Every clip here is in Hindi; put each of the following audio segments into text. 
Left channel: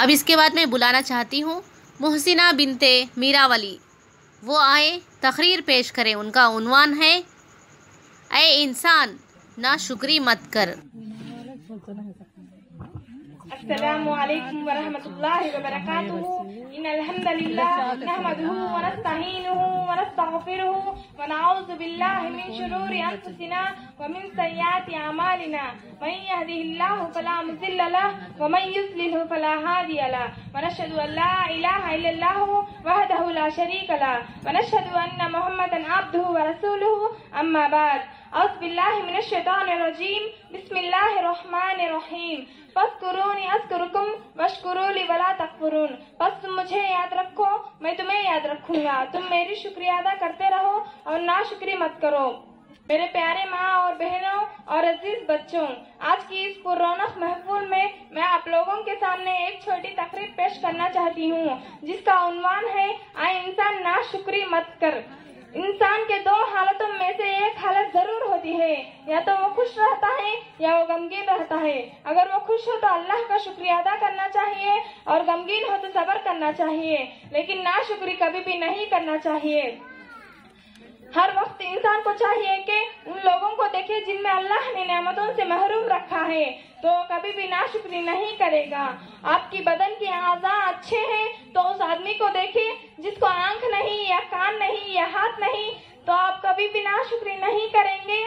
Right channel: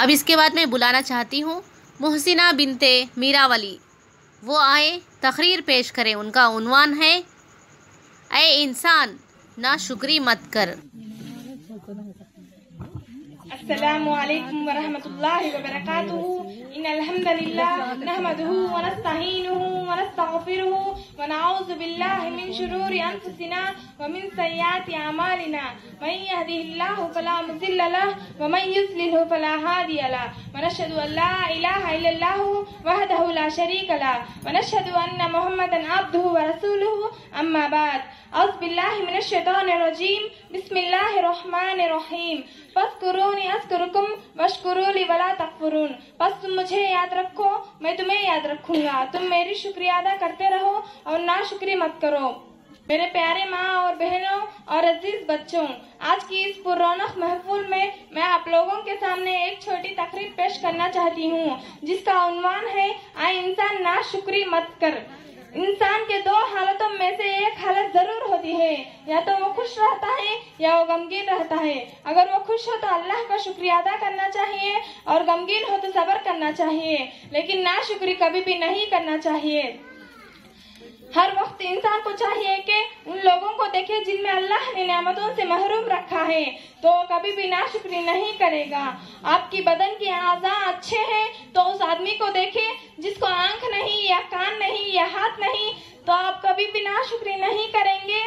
अब इसके बाद मैं बुलाना चाहती हूँ मुहसिना बिनते मीरावली, वो आए तकरीर पेश करें। उनका उन्वान है ऐ इंसान नाशुक्री मत कर। अस्सलामु अलैकुम व रहमतुल्लाहि व बरकातुहू। इन्नल हम्दलिल्लाह नहमदुहू व नस्तईनुहु व नस्तगफिरुहु व नऊज़ु बिल्लाहि मिन शुरूरि अनफुसिना व मिन सय्यिआति अमालिना। मन यहदिहिल्लाहु फला मुज़िल्ल लहु व मन युज़लिलहु फला हादिय लहु। व नशहदु अन ला इलाहा इल्लल्लाहु वहदहु ला शरीक लहु व नशहदु अन्न मुहम्मदन अब्दुहु व रसूलुहु। अम्मा बाद। औज़ु बिल्लाहि मिनश शैतानिर रजीम। बिस्मिल्लाहिर रहमानिर रहीम। फज़कुरूनी अज़कुरुकुम वश्कुरूली वला तकफुरून। बस तुम मुझे याद रखो, मैं तुम्हें याद रखूंगा। तुम मेरी शुक्रिया अदा करते रहो और नाशुक्री मत करो। मेरे प्यारे माँ और बहनों और अजीज बच्चों, आज की इस पुररौनक महफिल में मैं आप लोगों के सामने एक छोटी तकरीर पेश करना चाहती हूँ, जिसका उन्वान है ऐ इंसान नाशुक्री मत कर। इंसान के दो हालतों में से एक हालत जरूर होती है, या तो वो खुश रहता है या वो गमगीन रहता है। अगर वो खुश हो तो अल्लाह का शुक्रिया अदा करना चाहिए और गमगीन हो तो सब्र करना चाहिए, लेकिन नाशुक्री कभी भी नहीं करना चाहिए। हर वक्त इंसान को चाहिए कि उन लोगों को देखे जिनमें अल्लाह ने नेमतों से महरूम रखा है, तो कभी भी नाशुक्री नहीं करेगा। आपकी बदन के आज़ा अच्छे हैं तो उस आदमी को देखे जिसको आंख नहीं या कान नहीं या हाथ नहीं, तो आप कभी भी नाशुक्री नहीं करेंगे।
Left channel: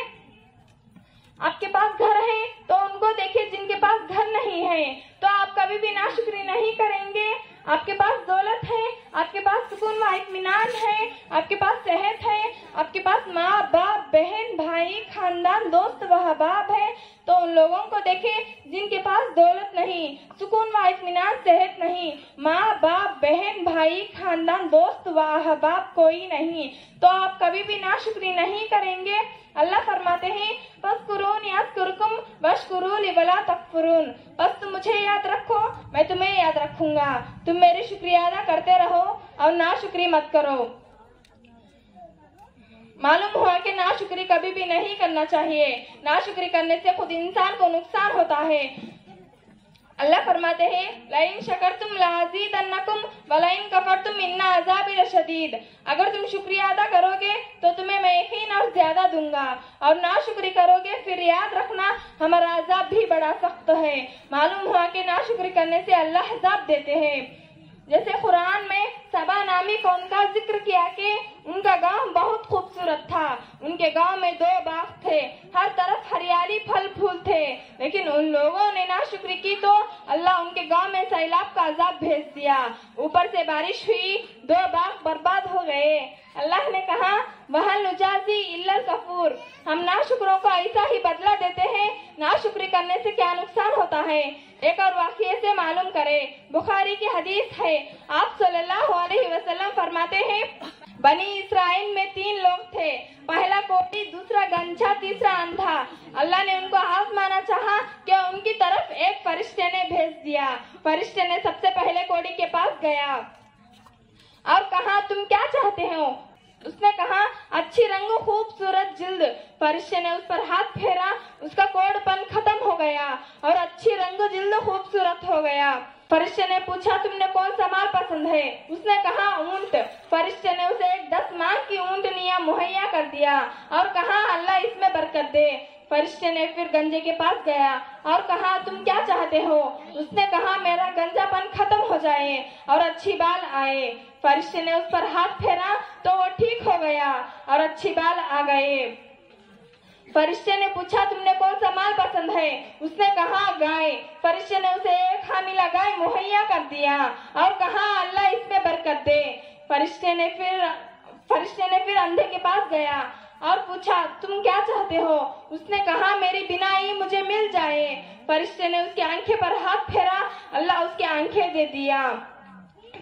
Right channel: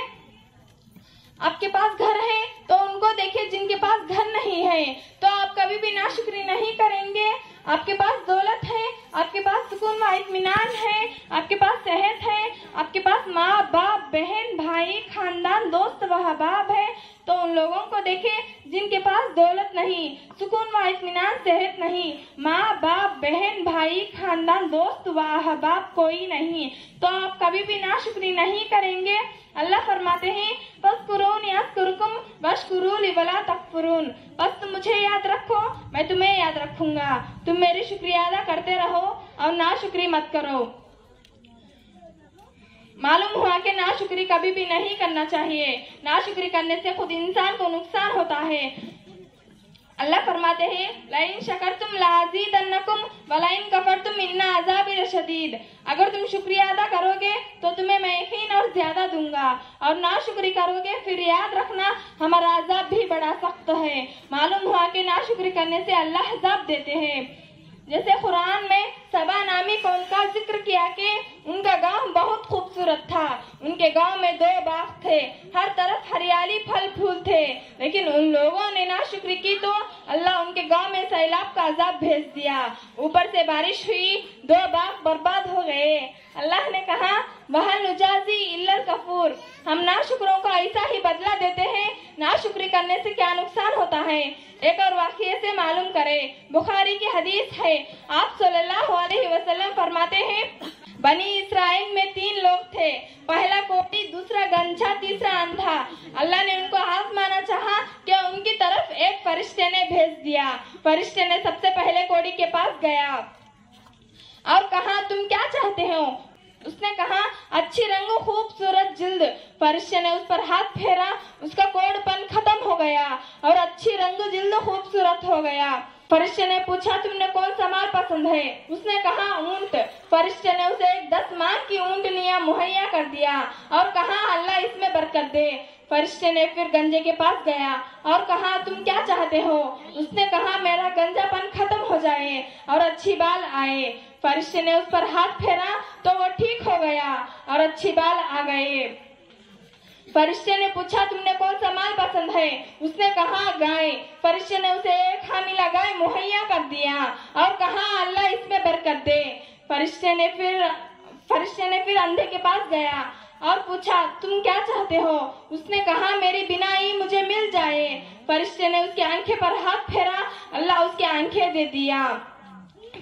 आपके पास घर है तो उनको देखे जिनके पास घर नहीं है, तो आप कभी भी नाशुक्री नहीं करेंगे। आपके पास दौलत है, आपके पास सुकून व इत्मीनान है, आपके पास सेहत है, आपके पास माँ बाप बहन भाई खानदान दोस्त व अहबाब है, तो उन लोगों को देखे जिनके पास दौलत नहीं, सुकून व इत्मीनान सेहत नहीं, माँ बाप बहन भाई खानदान दोस्त व अहबाब कोई नहीं, तो आप कभी भी नाशुक्री नहीं करेंगे। अल्लाह फरमाते हैं फज़कुरूनी अज़कुरुकुम वश्कुरूली वला तकफुरून। बस तुम मुझे याद रखो, मैं तुम्हें याद रखूंगा। तुम मेरी शुक्रिया अदा करते रहो और नाशुक्री मत करो। मालूम हुआ कि नाशुक्री कभी भी नहीं करना चाहिए। नाशुक्री करने से खुद इंसान को नुकसान होता है। अल्लाह फरमाते हैं लइन शकरतुम लाज़ीदन्नकुम व लइन कफरतुम इन्ना अज़ाबी लशदीद। अगर तुम शुक्रिया अदा करोगे तो तुम्हें मैं यकीन और ज्यादा दूंगा, और नाशुक्री करोगे फिर याद रखना हमारा अज़ाब भी बड़ा सख्त है। मालूम हुआ कि नाशुक्री करने से अल्लाह अज़ाब देते हैं। जैसे कुरान में सबा नामी कौम का जिक्र किया कि उनका गांव बहुत खूबसूरत था। उनके गांव में 2 बाग थे, हर तरफ हरियाली फल फूल थे, लेकिन उन लोगों ने नाशुक्री की तो अल्लाह उनके गांव में सैलाब का अजाब भेज दिया। ऊपर से बारिश हुई, 2 बाग बर्बाद हो गए। अल्लाह ने कहा वहल नुजाजी इल्लल कफूर। हम नाशुक्रों को ऐसा ही बदला देते हैं। नाशुक्री करने से क्या नुकसान होता है, एक और वाक़ये से मालूम करें। बुखारी की हदीस है, आप सल्लल्लाहु अलैहि वसल्लम फरमाते हैं बनी इसराइल में 3 लोग थे, पहला कोढ़ी, दूसरा गंजा, तीसरा अंधा। अल्लाह ने उनको आजमाना चाहा कि उनकी तरफ एक फरिश्ते ने भेज दिया। फरिश्ते ने सबसे पहले कोढ़ी के पास गया और कहा तुम क्या चाहते हो। उसने कहा अच्छी रंग खूबसूरत जिल्द। फरिश्ते ने उस पर हाथ फेरा, उसका कोढ़पन खत्म हो गया और अच्छी रंग जिल्द खूबसूरत हो गया। फरिश्ते ने पूछा तुमने कौन सा माल पसंद है। उसने कहा ऊंट। फरिश्ते ने उसे एक 10 मान की ऊंटनियां मुहैया कर दिया और कहा अल्लाह इसमें बरकत दे। फरिश्ते ने फिर गंजे के पास गया और कहा तुम क्या चाहते हो। उसने कहा मेरा गंजापन खत्म हो जाए और अच्छी बाल आए। फरिश्ते ने उस पर हाथ फेरा तो वो ठीक हो गया और अच्छी बाल आ गए। फरिश्ते ने पूछा तुमने कौन सा माल पसंद है। उसने कहा गाय। फरिश्ते ने उसे एक हामिला गाय मुहैया कर दिया और कहा अल्लाह इसमें बरकत दे। फरिश्ते ने फिर अंधे के पास गया और पूछा तुम क्या चाहते हो। उसने कहा मेरी बीनाई मुझे मिल जाए। फरिश्ते ने उसकी आंखें पर हाथ फेरा, अल्लाह उसकी आंखें दे दिया।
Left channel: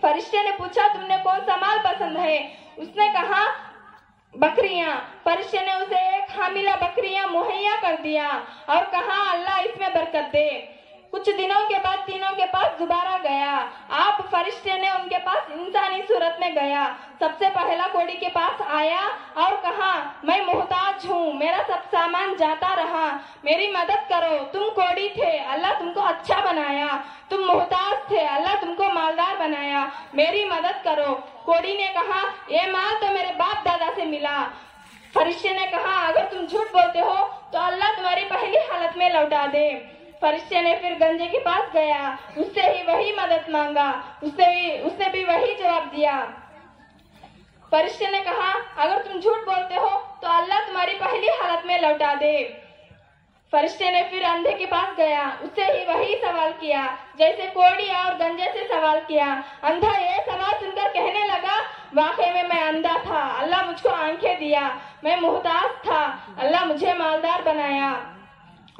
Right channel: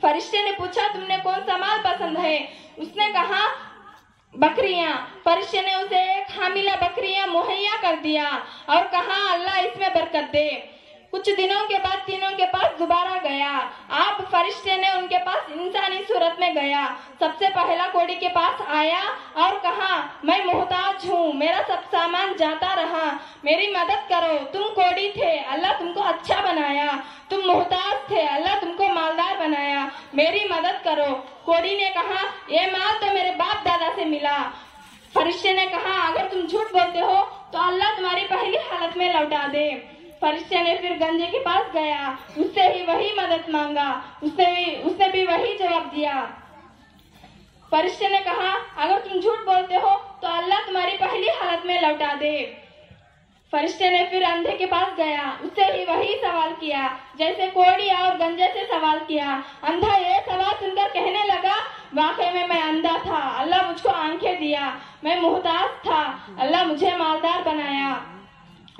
फरिश्ते ने पूछा तुमने कौन सा माल पसंद है। उसने कहा बकरियां। फरिश्ते ने उसे एक हामिला बकरियां मुहैया कर दिया और कहा अल्लाह इसमें बरकत दे। कुछ दिनों के बाद तीनों के पास दोबारा गया। आप फरिश्ते ने उनके पास इंसानी सूरत में गया। सबसे पहला कोड़ी के पास आया और कहा, मैं मोहताज हूँ, मेरा सब सामान जाता रहा, मेरी मदद करो। तुम कोड़ी थे, अल्लाह तुमको अच्छा बनाया। तुम मोहताज थे, अल्लाह तुमको मालदार बनाया, मेरी मदद करो। कोड़ी ने कहा, ये माल तो मेरे बाप दादा से मिला। फरिश्ते ने कहा, अगर तुम झूठ बोलते हो तो अल्लाह तुम्हारी पहली हालत में लौटा दे। फरिश्ते ने फिर गंजे के पास गया, उससे ही वही मदद मांगा, उसने भी वही जवाब दिया। फरिश्ते ने कहा, अगर तुम झूठ बोलते हो तो अल्लाह तुम्हारी पहली हालत में लौटा दे। फरिश्ते ने फिर अंधे के पास गया, उससे ही वही सवाल किया जैसे कोड़ी और गंजे से सवाल किया। अंधा ये सवाल सुनकर कहने लगा, वाकई में मैं अंधा था, अल्लाह मुझको आंखें दिया, मैं मुहताज था, अल्लाह मुझे मालदार बनाया,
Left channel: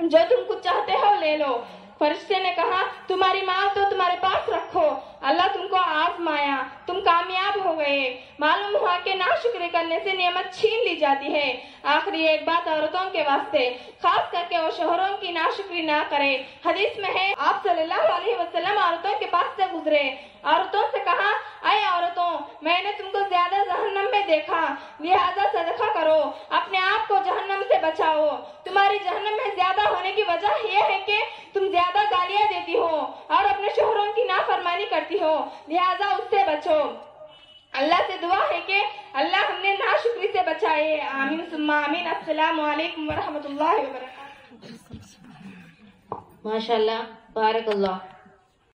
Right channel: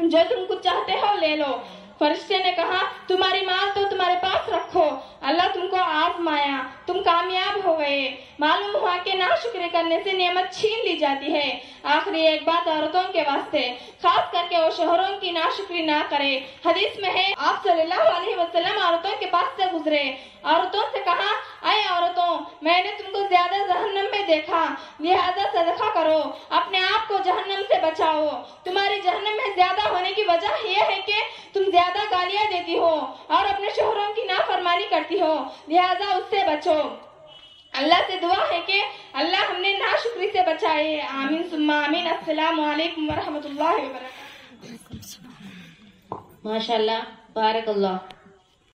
जो तुम कुछ चाहते हो ले लो। फरिश्ते ने कहा, तुम्हारी माल तो तुम्हारे पास रखो, अल्लाह तुमको आजमाया, तुम कामयाब हो गए। मालूम हुआ कि नाशुक्री करने से नेमत छीन ली जाती है। आखिरी एक बात औरतों के वास्ते, खास करके वो शोहरों की नाशुक्री ना करे। हदीस में है, आप सल्लल्लाहु अलैहि वसल्लम औरतों के पास से गुजरे, औरतों से कहा, अय औरतों, मैंने तुमको ज्यादा जहन्नम में देखा, लिहाजा सदका करो, अपने आप को जहन्नम से बचाओ। तुम्हारी जहन्नम में ज्यादा होने की वजह यह है कि तुम ज्यादा गालियां देती हो और अपने शोहरों की नाफरमानी करती हो, लिहाजा उससे बचो। अल्लाह से दुआ है कि अल्लाह हमने नाशुक्री से बचाए। आमीन सुम्मा आमीन। अस्सलामु अलैकुम व रहमतुल्लाहि व बरकातहू। माशाअल्लाह, बारक अल्लाह।